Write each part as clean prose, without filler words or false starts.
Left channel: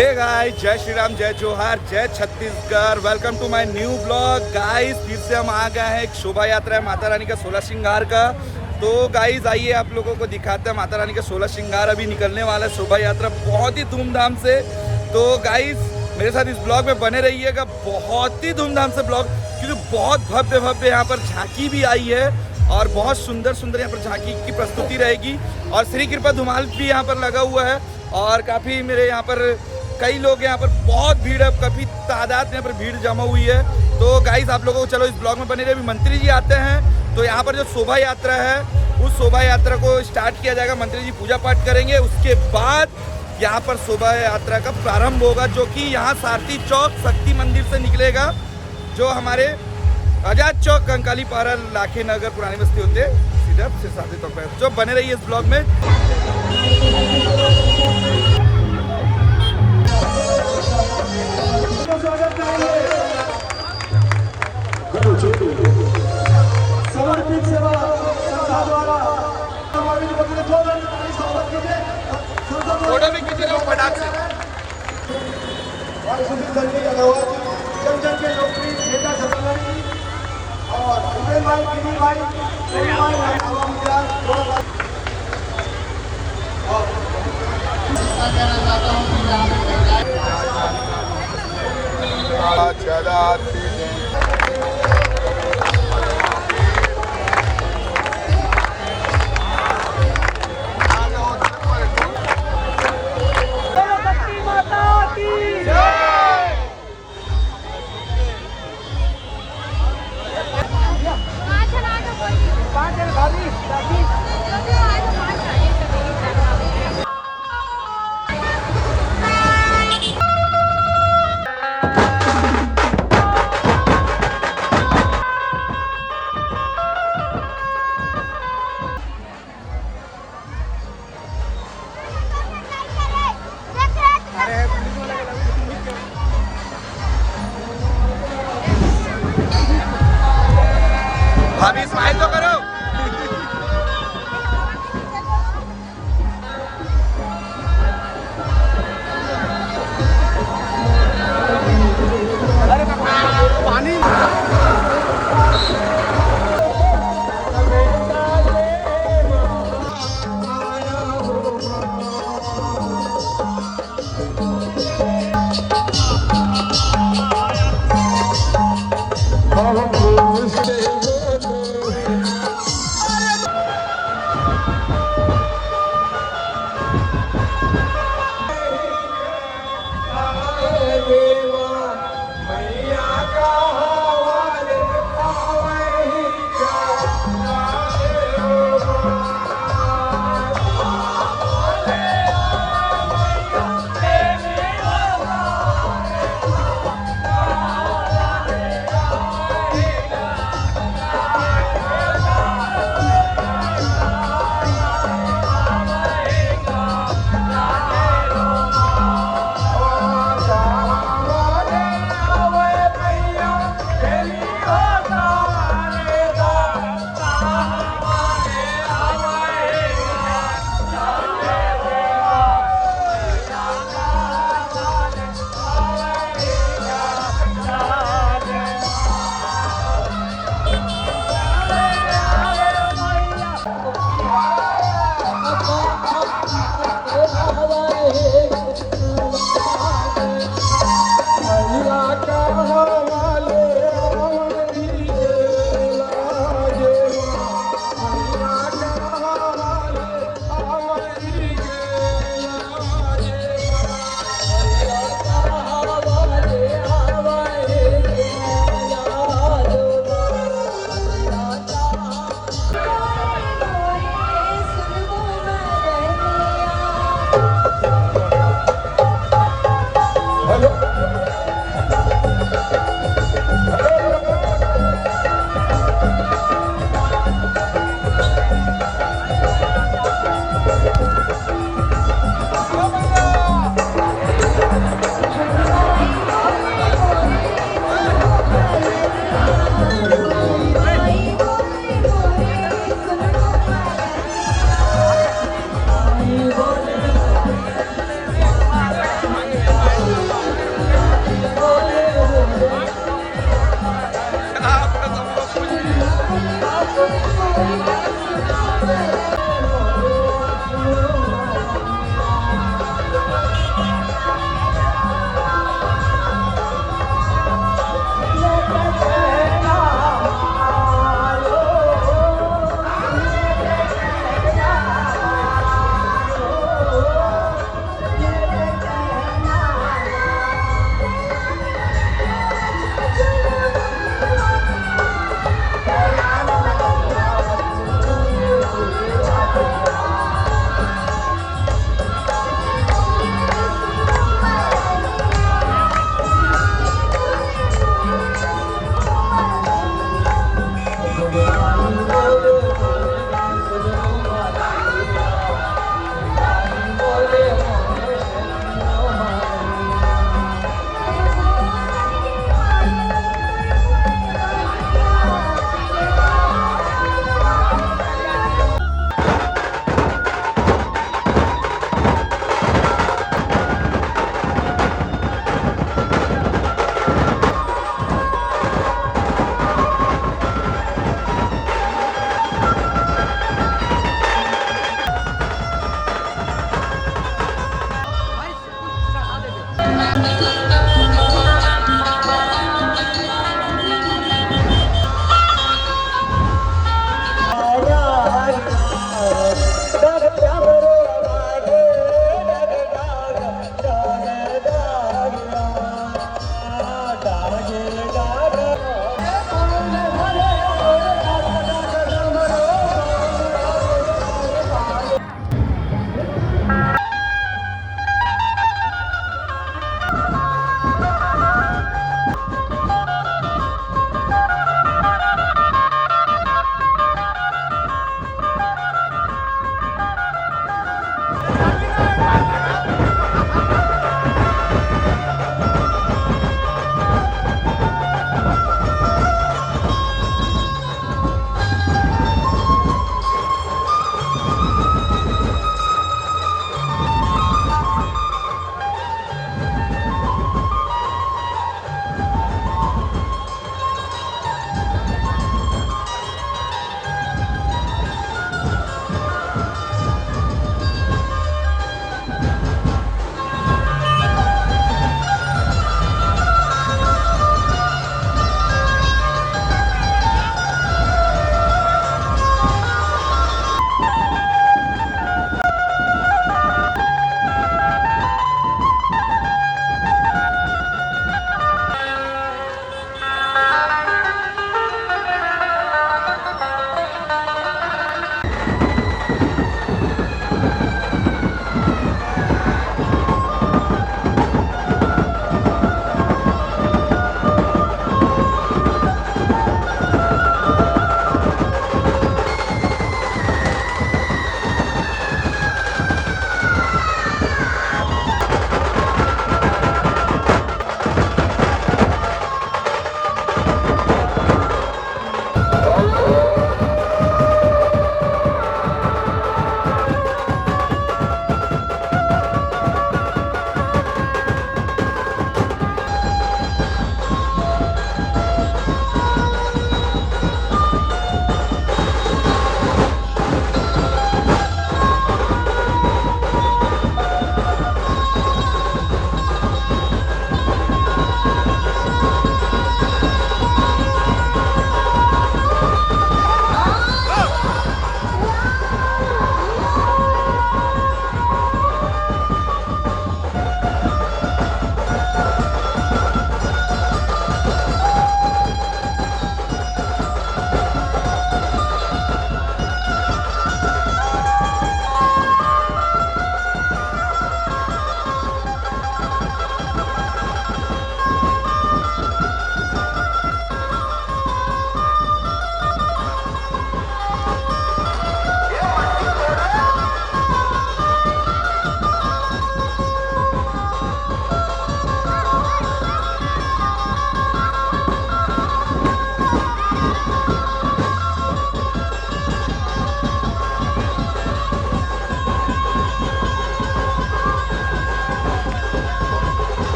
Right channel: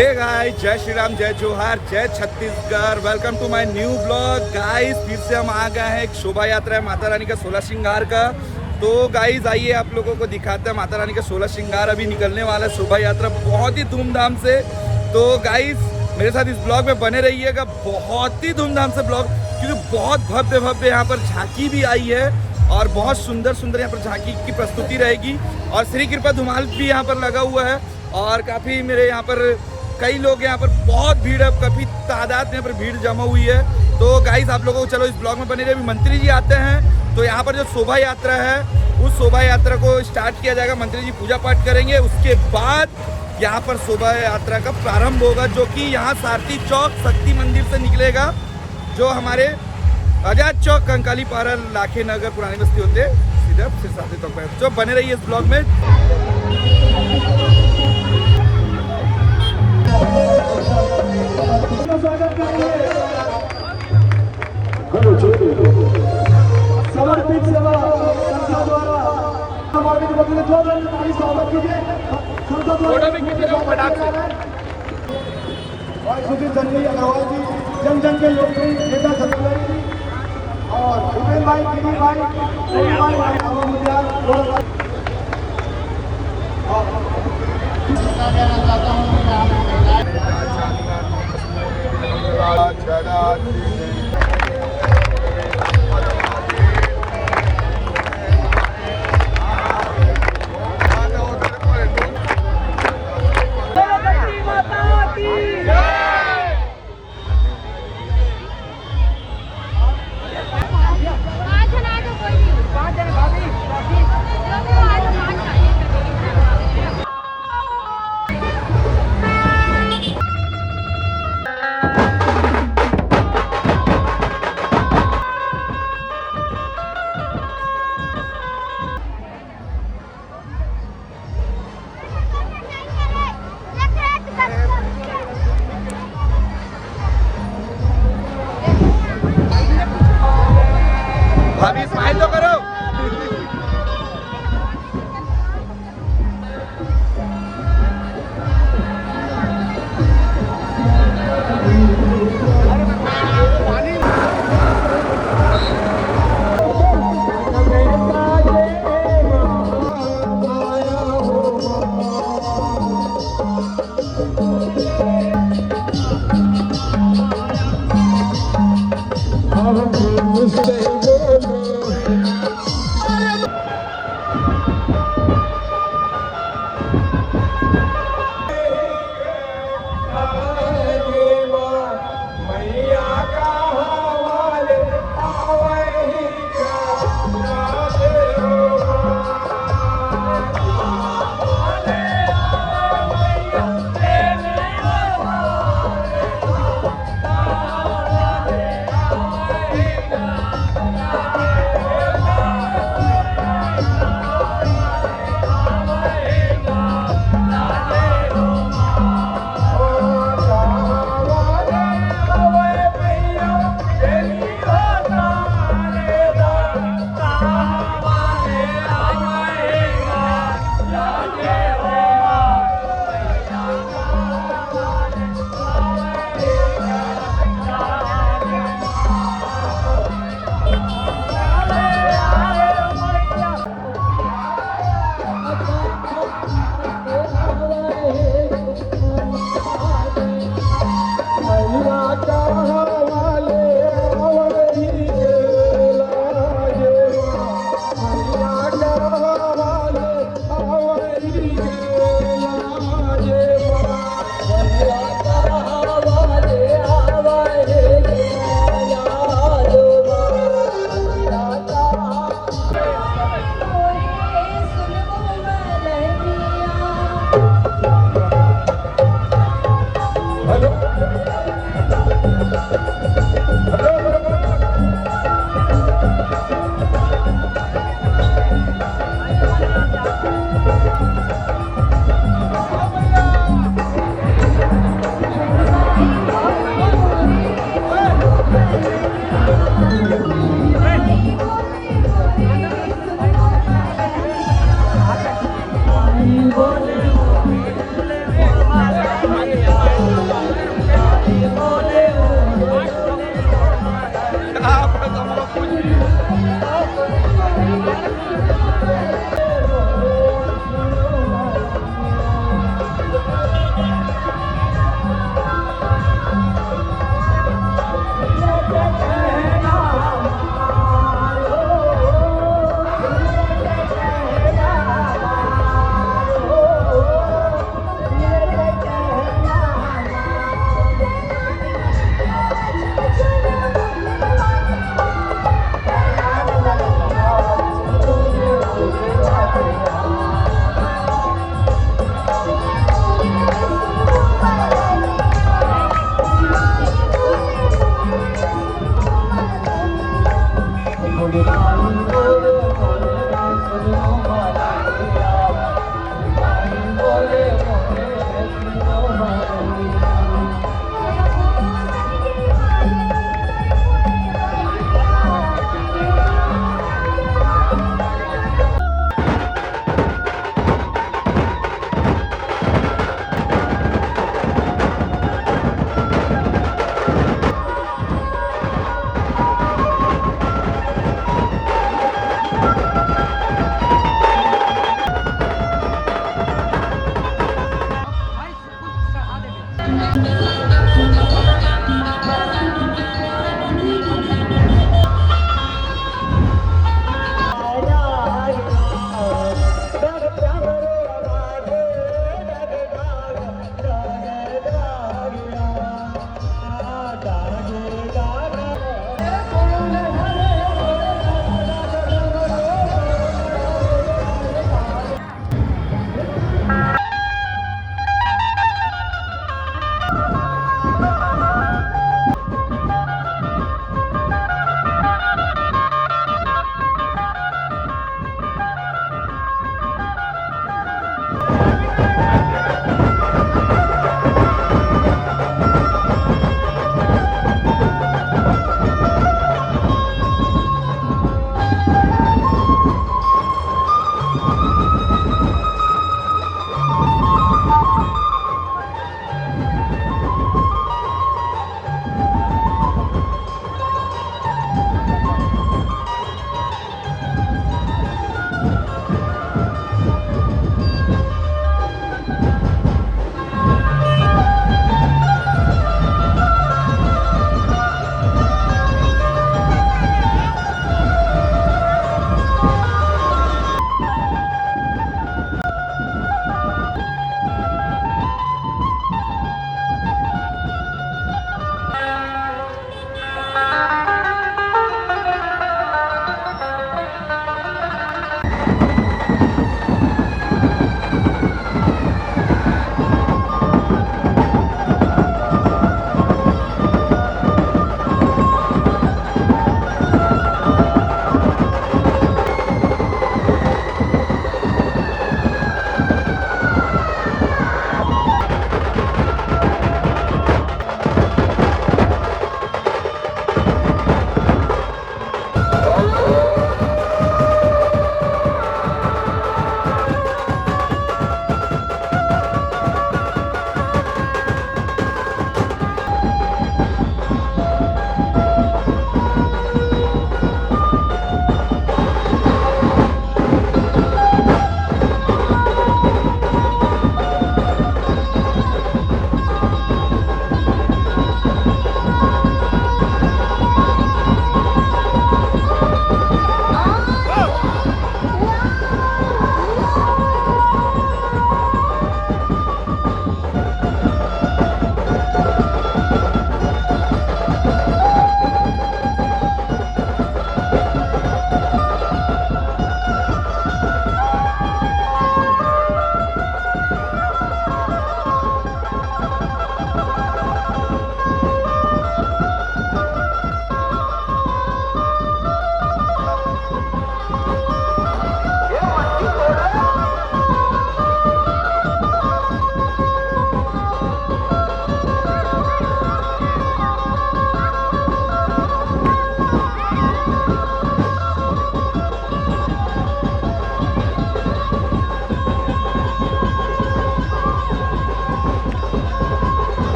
Hey guys, जय श्री राम, जय जोहार, जय Chhattisgarh. Welcome to my new blog. Guys फिर से हम आ गए हैं। एक शोभा यात्रा है माता रानी का 16 श्रृंगार का। तो गाइस आइए आप लोगों को दिखाते हैं माता रानी का 16 श्रृंगार अभी निकलने वाला है। शोभा यात्रा बहुत ही धूमधाम से। तो गाइस मेरे साथ इस ब्लॉग में बने रहिएगा। बहुत ही धूमधाम से ब्लॉग, क्योंकि बहुत भव्य भव्य यहाँ पर झांकी भी आई है और बहुत सुंदर सुंदर यहाँ पर झांकी की प्रस्तुति रहेगी। और श्री कृपा धुमाल भी यहाँ पर लगा हुआ है और काफ़ी मेरे यहाँ पर कई लोग यहाँ पर बहुत भीड़ है, काफ़ी तादाद में यहाँ पर भीड़ जमा हुई है। तो गाइस आप लोगों को चलो इस ब्लॉग में बने रहे। अभी मंत्री जी आते हैं तो यहाँ पर जो शोभा यात्रा है उस शोभा यात्रा को स्टार्ट किया जाएगा। मंत्री जी पूजा पाठ करेंगे, उसके बाद यहाँ पर शोभा यात्रा का प्रारंभ होगा, जो कि यहाँ सारथी चौक शक्ति मंदिर से निकलेगा, जो हमारे आजाद चौक कंकाली पारा लाखे नगर पुरानी बस्ती होते सीधा से सारथी चौक पर। तो बने रहिए इस ब्लॉग में। फोटो भी खींचे रहे फटाक से।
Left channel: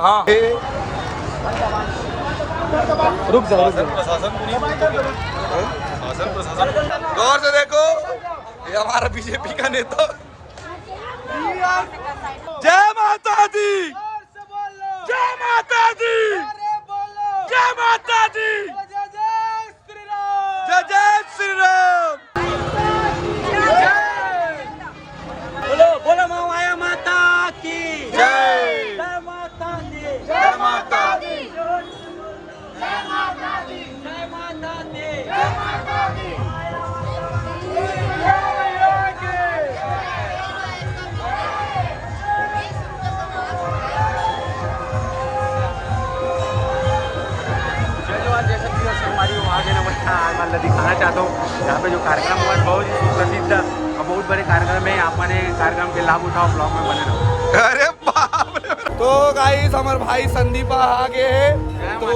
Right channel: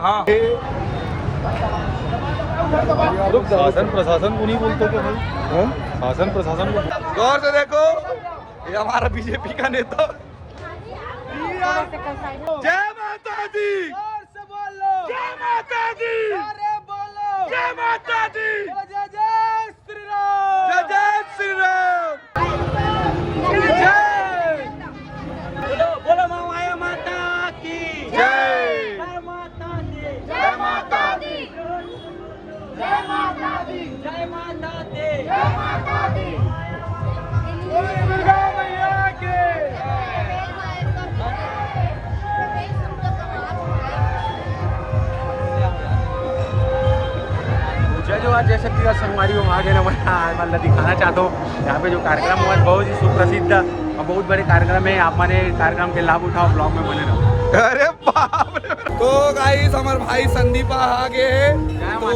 हाँ रुक जाओ, प्रशासन को नहीं बोलते कभी? शासन प्रशासन को गौर से देखो, ये हमारा बीजेपी का नेता। जय माता दी, जय माता दी, जय माता दी, जय जय श्री राम। बोलो बोलो माया माता की जय जय माता दी जय माता दी, जय माता दी जय माता दी जय माता दी। जैसे कि हमारी मतलब दिखाना चाहता हूँ यहाँ पे जो कार्यक्रम हुआ है बहुत ही सुप्रसिद्ध और बहुत बड़े कार्यक्रम है। आप मैंने कार्यक्रम के लाभ उठाओ, ब्लॉग में बने रहो। अरे बाप रे। तो गाइस हमारे भाई संदीपा आगे है, तो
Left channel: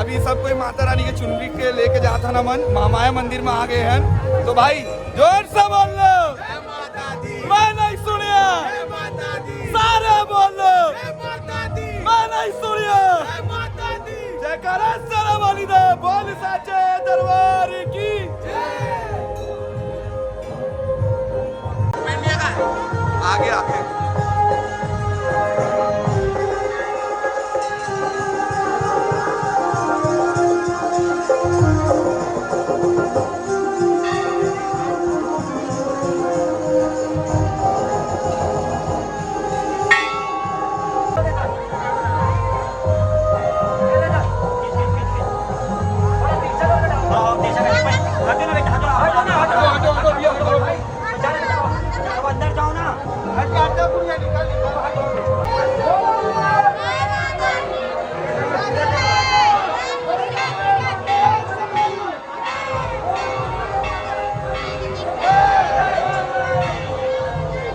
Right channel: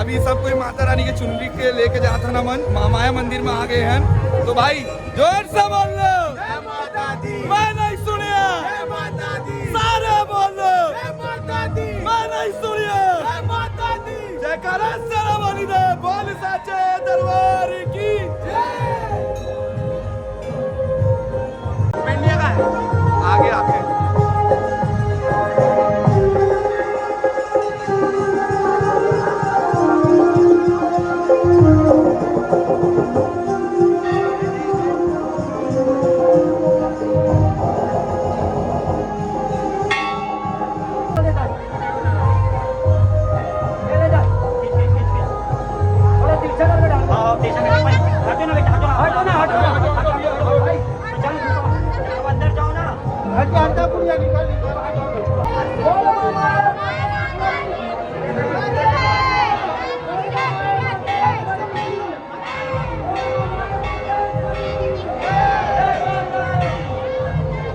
अभी सब कोई माता रानी के चुनरी के लेके जाता ना मन माया मंदिर में आ गए हैं। तो भाई जोर से बोल लो जय माता दी, मैं नहीं सुनिया, जय माता दी, सारे बोल लो जय माता दी, मैं नहीं सुनिया। जय माता दी, जयकारा सारा वाली दे बोल साचे दरबार की। आगे आगे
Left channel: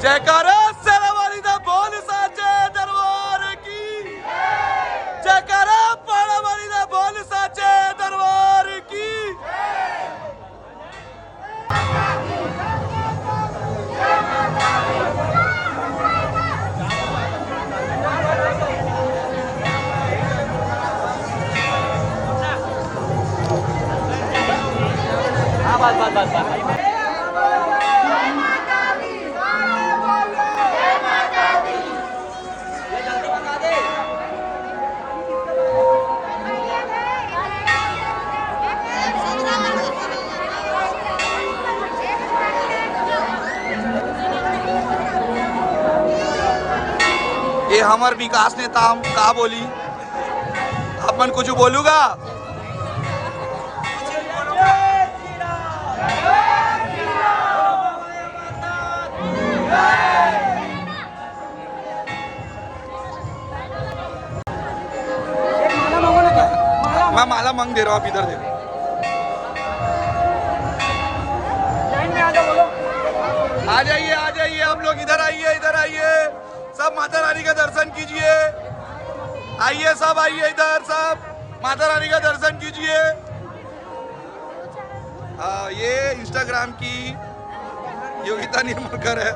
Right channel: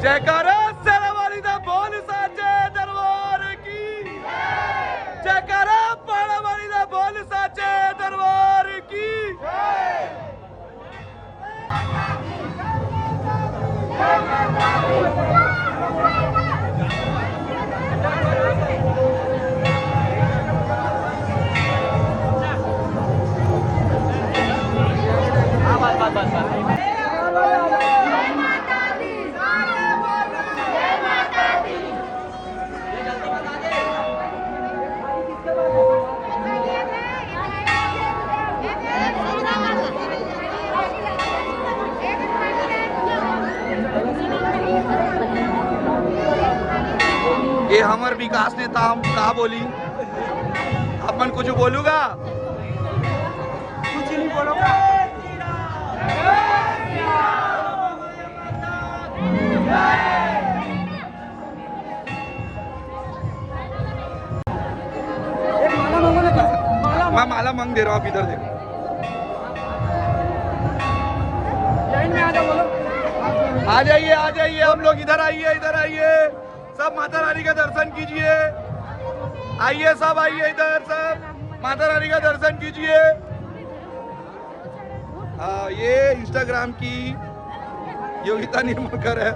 जयकारा सारा वाली दा बोल साचे दरबार की। जयकारा पाड़ा वाली दा बोल साचे दरबार की। ये हमार विकास नेता हम का बोली, अपन कुछ बोलूगा। मैं माला मांग दे रहा हूँ, आप इधर देखो। आ जाइए हम लोग, इधर आइए, सब माता रानी का दर्शन कीजिए। आइए सब, आइए इधर सब, माता रानी का दर्शन कीजिए। ये इंस्टाग्राम की योगिता निर्मलकर है।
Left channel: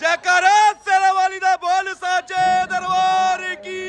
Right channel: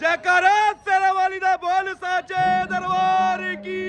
जयकारा सारा वाली दा बोल साचे दरबार की।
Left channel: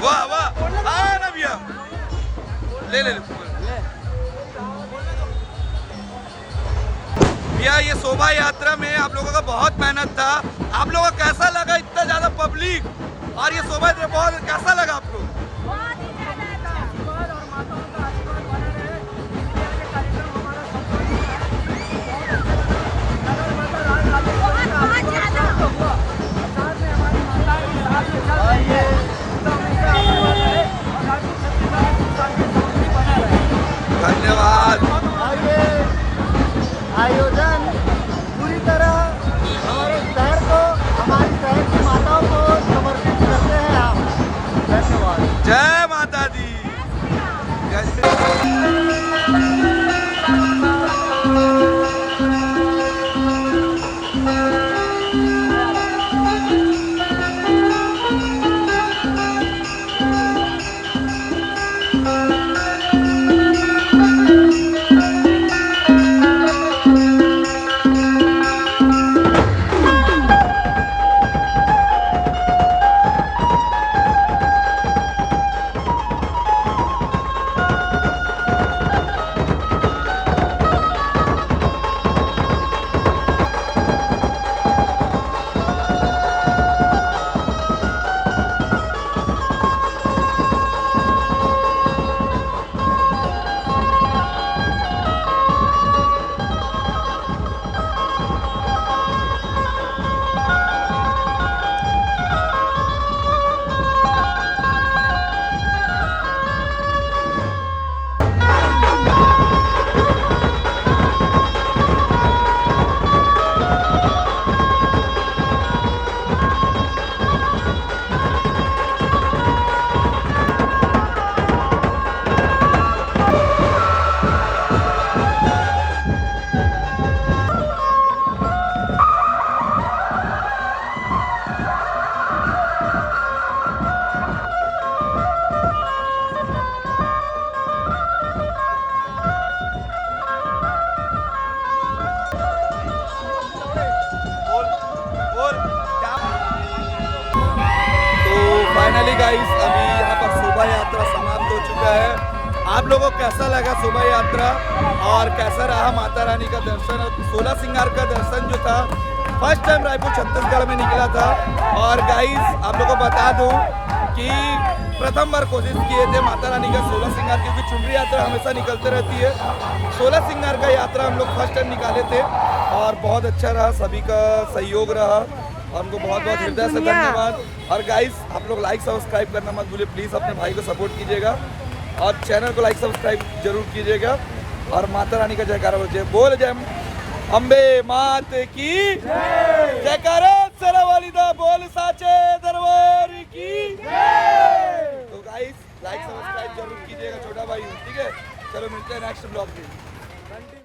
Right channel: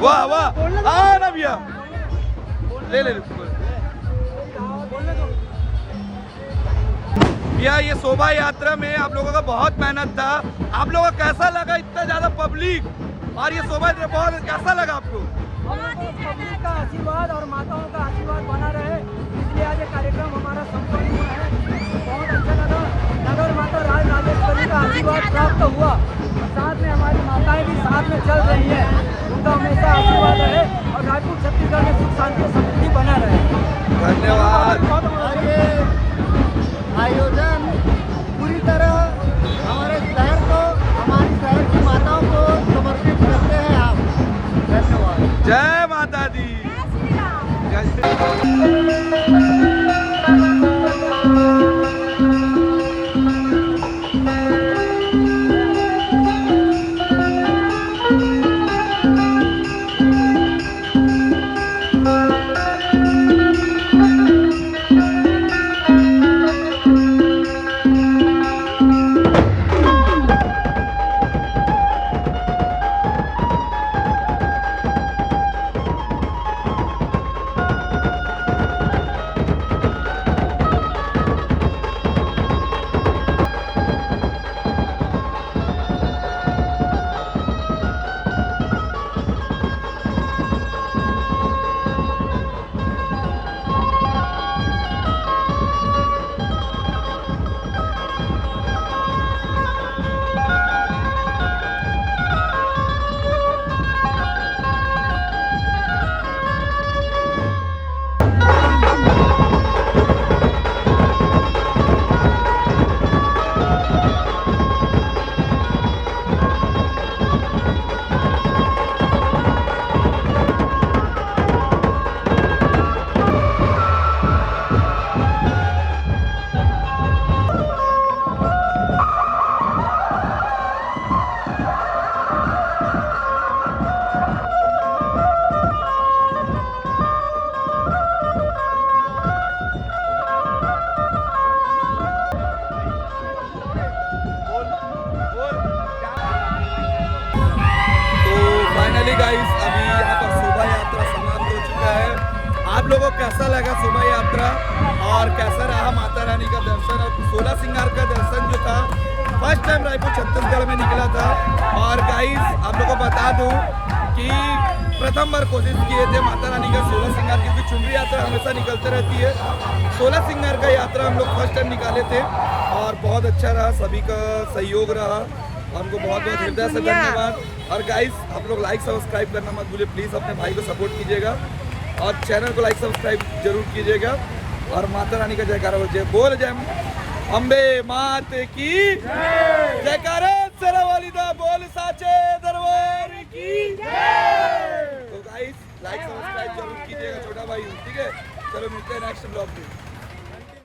वाह वाह, हाँ ना भैया, ले ले ले। भैया ये शोभा यात्रा में आप लोगों का बहुत मेहनत था, आप लोगों को कैसा लगा इतना ज्यादा पब्लिक और ये शोभा यात्रा बहुत कैसा लगा आपको? आशीर्वाद और माताओं का आशीर्वाद बना रहे, इसलिए आज ये कार्यक्रम हमारा संपन्न हुआ है। बहुत अच्छा लगा, नगर माता राज राजेश्वरी का आशीर्वाद प्राप्त हुआ और साथ में हमारी माताएं भी साथ में चल रही है, उनका हमेशा आशीर्वाद रहे और रायपुर छत्तीसगढ़ में सुख शांति समृद्धि बना रहे। धन्यवाद। और ये आयोजन पूरी तरह हमारे शहर को, हमारी शहर की माताओं को समर्पित करते हैं आप। धन्यवाद। जय माता दी। फाइनली गाइस अभी यहाँ पर शोभा यात्रा समाप्त हो चुका है। आप लोगों को कैसा लगा शोभा यात्रा और कैसा रहा माता रानी का दर्शन और सोलह सिंगार का दर्शन जो था? फर्स्ट टाइम रायपुर छत्तीसगढ़ में निकला था और गाइस आप लोगों को बता दूं कि प्रथम बार कोशिश किए थे माता रानी का 16 सिंगार, क्योंकि चुनरी यात्रा हमेशा निकलते रहती है। 16 सिंगार का यात्रा हम लोग फर्स्ट टाइम निकाले थे और बहुत अच्छा रहा, सभी का सहयोग रहा, हमको बहुत बहुत हृदय से धन्यवाद। और गाइस आप लोग लाइक सब्सक्राइब करना मत भूलिए, प्लीज़ अपने भाई को सपोर्ट कीजिएगा और चैनल को लाइक सब्सक्राइब जरूर कीजिएगा और माता रानी का जयकारा बोल जय अम्बे मात की जयकारा सरावालीदा बोल साचे दरबार की। तो गाइस लाइक सब्सक्राइब जरूर कीजिएगा छोटा भाई, ठीक है? चलो मिलते हैं नेक्स्ट ब्लॉग में।